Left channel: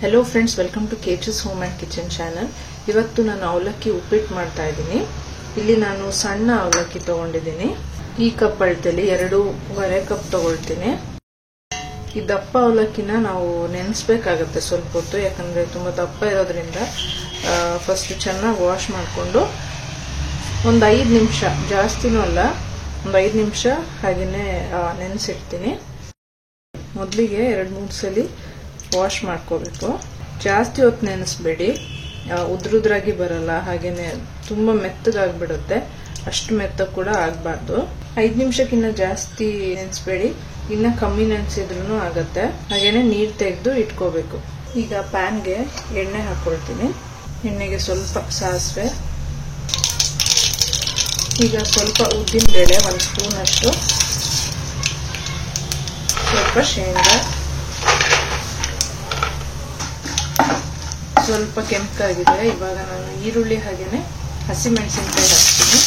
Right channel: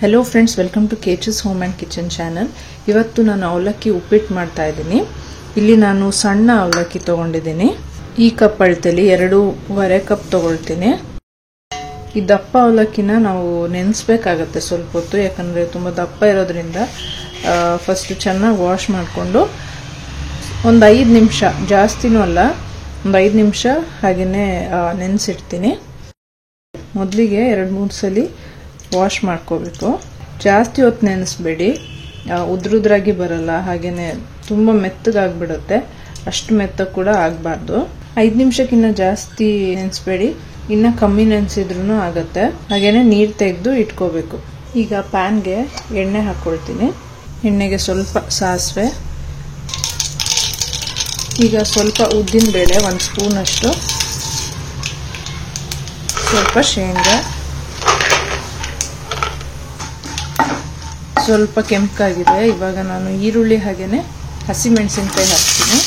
Hello friends, welcome to केचस home and kitchen channel. ಇವತ್ತು ನಾನು ಅವಲಕ್ಕಿ ಉಪ್ಪಿಟ್ಟು ಮಾಡ್ತಾ ಇದ್ದೀನಿ। ಇಲ್ಲಿ ನಾನು ಸಣ್ಣ ಅವಲಕ್ಕಿ ತಗೊಂಡಿದ್ದೀನಿ। ಈ ಕಪ್ ಅಳತೆಯಲ್ಲಿ 2.5 ಕಪ್ ತಗೊಳ್ತೀನಿ। ಈ ದಪ್ಪ ಅವಲಕ್ಕಿನ ನಾವು ನೆನೆಸಬೇಕಾಗುತ್ತೆ ಸ್ವಲ್ಪ ಹೊತ್ತು, ಯಾಕಂದ್ರೆ ತುಂಬಾ ದಪ್ಪ ಇರೋದ್ರಿಂದ ಫಸ್ಟ್ ಚೆನ್ನಾಗಿ ವಾಶ್ ಮಾಡಿಕೊಂಡು ಒಂದು 5 ನಿಮಿಷ, ಜಾಸ್ತಿನೂ ಅಲ್ಲ, ಒಂದು 5 ನಿಮಿಷ ಹಾಗೇನೆ ನೆನೆಸಿಡ್ತೀನಿ। ಮೊದಲಿಗೆ 2-3 ಸಲ ವಾಶ್ ಮಾಡ್ಕೋಬೇಕು। ಜಾಸ್ತಿ ಹೊತ್ತು ನೆನೆಸಬೇಡಿ, ಉದ್ರುದ್ರಾಗಿ ಬರಲ್ಲ, ಹಾಗೇನೆ ತುಂಬಾ ಮೆತ್ತಗಾಗ್ಬಿಡುತ್ತೆ, ಅಷ್ಟು ಮೆತ್ತ ಕೂಡ ಆಗಬಾರ್ದು। 5 ನಿಮಿಷಕ್ಕಿಂತ ಜಾಸ್ತಿ ನೆನೆಸಬೇಡಿ, ಇನ್ನ ಕಮ್ಮಿ ನೆನೆಸಿದ್ರೂ ಆಗತ್ತೆ। ಹಾಗೇನೆ ನೀರು ತೆಗೆದು ಇಟ್ಕೋಬೇಕು। ಈಗ ಪ್ಯಾನ್ಗೆ ಎಣ್ಣೆ ಹಾಕೊಳ್ತೀನಿ। ಎಣ್ಣೆಗೆ ಸ್ವಲ್ಪ ಸಾಸಿವೆ, ಈಗ ಸ್ವಲ್ಪ ಉದ್ದಿನ ಬೇಳೆ 1 ಸ್ಪೂನ್ ಅಷ್ಟು, ಸ್ವಲ್ಪ ಶೇಂಗಾ, ಸ್ವಲ್ಪ ಕೆಂಪಾಗಿದೆ। ಇವಾಗ ನಾನು ಈರುಳ್ಳಿ ಹಾಗೇನೆ ಹಸಿಮೆಣಸಿನಕಾಯಿ ಹಾಕ್ತೀನಿ।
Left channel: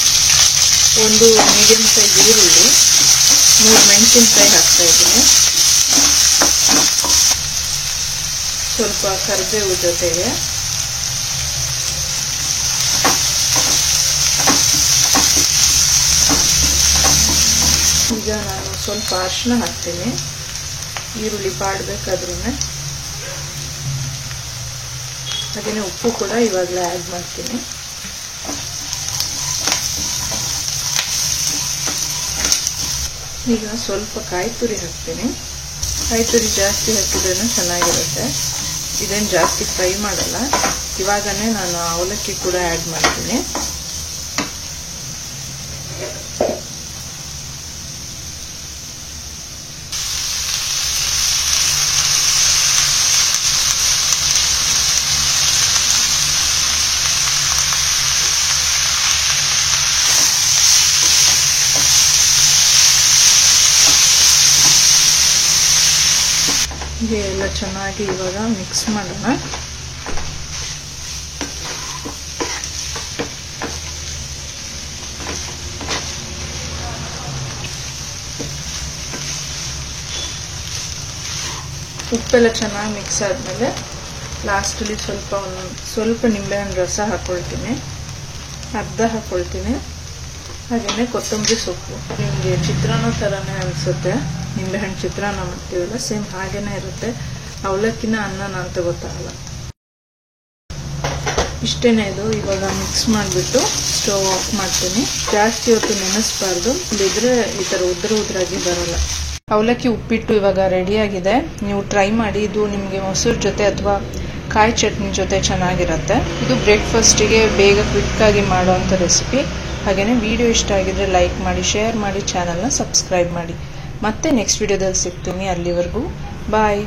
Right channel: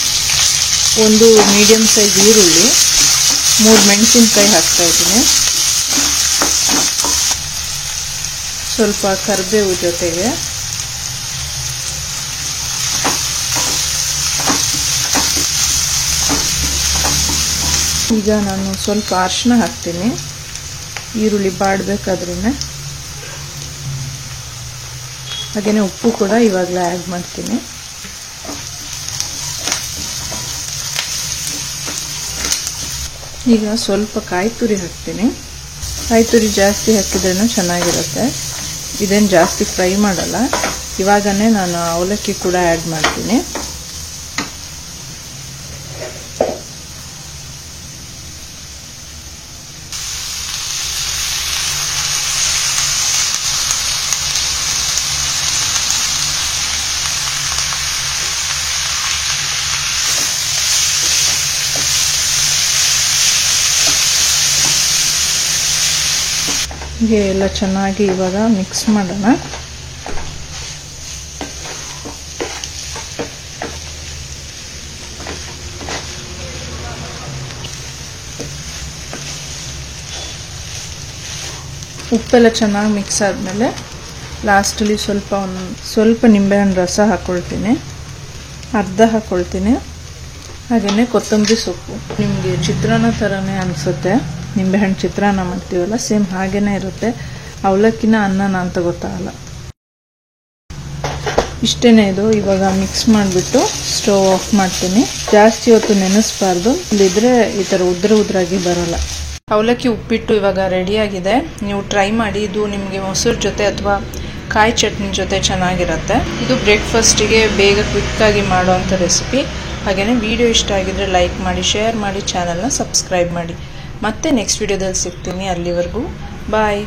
ಒಂದು ಮೀಡಿಯಂ ಸೈಜ್ ಈರುಳ್ಳಿ, 3 ಮೆಣಸಿನಕಾಯಿ ಹಾಕ್ತಾ ಇದ್ದೀನಿ, ಸ್ವಲ್ಪ ಕರಿಬೇವು ಜೊತೆಗೆ, ಈಗ ನಾನು ಸ್ವಲ್ಪ ಅರಿಶಿನ ಹಾಕ್ತೀನಿ, ಈರುಳ್ಳಿ ಬಾಡಬೇಕಾದ್ರೂ। ಹಾಗೇನೆ ಉಪ್ಪು ಕೂಡ ಇವಾಗಲೇ ಆ್ಯಡ್ ಮಾಡ್ತೀನಿ। ಈಗ ಸ್ವಲ್ಪ ಕಾಯಿ ತುರಿ ಹಾಕ್ತೀನಿ। ಕಾಯಿ ತುರಿ ಜಾಸ್ತಿ ಹಾಕಿದ್ರೂ ಚೆನ್ನಾಗಿರುತ್ತೆ, ಇದೇನು ಜಾಸ್ತಿ ಫ್ರೈ ಮಾಡಲ್ಲ। ಇವಾಗನೇ ನಾನು ಅವಲಕ್ಕಿ ಕೂಡ ಆ್ಯಡ್ ಮಾಡ್ತೀನಿ। ಹೀಗೆ ಎಲ್ಲ ಚೆನ್ನಾಗಿ ಇವಾಗ ಮಿಕ್ಸ್ ಮಾಡೋಣ। ಉಪ್ಪೆಲ್ಲ ಚೆನ್ನಾಗಿ ಮಿಕ್ಸ್ ಆದ್ಮೇಲೆ ಲಾಸ್ಟಲ್ಲಿ ಸ್ವಲ್ಪ ನಿಂಬೆಹಣ್ಣು ರಸ ಹಾಕೊಳ್ತೀನಿ, ಅರ್ಧ ಹಾಕೊಳ್ತೀನಿ। ಹಾಗೇನೆ ಕೊತ್ತಂಬರಿ ಸೊಪ್ಪು, ನಿಮಗೆ ಚಿತ್ರಾನ್ನ ಥರನೇ ಅನಿಸುತ್ತೆ, ನಿಂಬೆಹಣ್ಣು ಚಿತ್ರಾನ್ನ ಮಾಡ್ತೀವಲ್ಲ ಸೇಮ್ ಹಾಗೇನೆ ಇರುತ್ತೆ। ಅವಲಕ್ಕಿನ ಅನ್ನ ನಾನು ತಗೋತಾಗಲ್ಲ, ಇಷ್ಟೇನೆ ಇದು। ಇವಾಗ ಮಿಕ್ಸ್ ಮಾಡಿಬಿಟ್ಟು ಸ್ಟವ್ ಆಫ್ ಮಾಡ್ತೀನಿ। ಜಾಸ್ತಿ ಹೊತ್ತು ನೆನೆಸಬಾರ್ದು, ಇಲ್ಲಿದ್ರೆ ಈ ಥರ ಉದ್ರಾಗಿ ಬರಲ್ಲ। ಅವಲಕ್ಕಿ ಉಪ್ಪಿಟ್ಟು ಇವಾಗ ರೆಡಿಯಾಗಿದೆ, ನೀವು ಟ್ರೈ ಮಾಡಿ। ಇದು ನಿಮಗೆ ಮೊಸರು ಜೊತೆ ಅಥವಾ ಕಾಯಿ ಚಟ್ನಿ ಜೊತೆ ಚೆನ್ನಾಗಿರುತ್ತೆ। ಇದು ಬ್ರೇಕ್ಫಾಸ್ಟಿಗೆ ಬೇಗ ಕ್ವಿಕ್ಕಾಗಿ ಮಾಡೋವಂಥ ರೆಸಿಪಿ। ಹಾಗೆಯೇ ವಿಡಿಯೋ ಇಷ್ಟ ಆಗಿದ್ರೆ ಲೈಕ್ ಮಾಡಿ, ಶೇರ್ ಮಾಡಿ, ಚಾನಲ್ನ ಸಬ್ಸ್ಕ್ರೈಬ್ ಮಾಡಿ। ಮತ್ತೆ ನೆಕ್ಸ್ಟ್ ವಿಡಿಯೋದಲ್ಲಿ ಸಿಗ್ತೀನಿ, ಅಲ್ಲಿವರೆಗೂ ಬಾಯ್।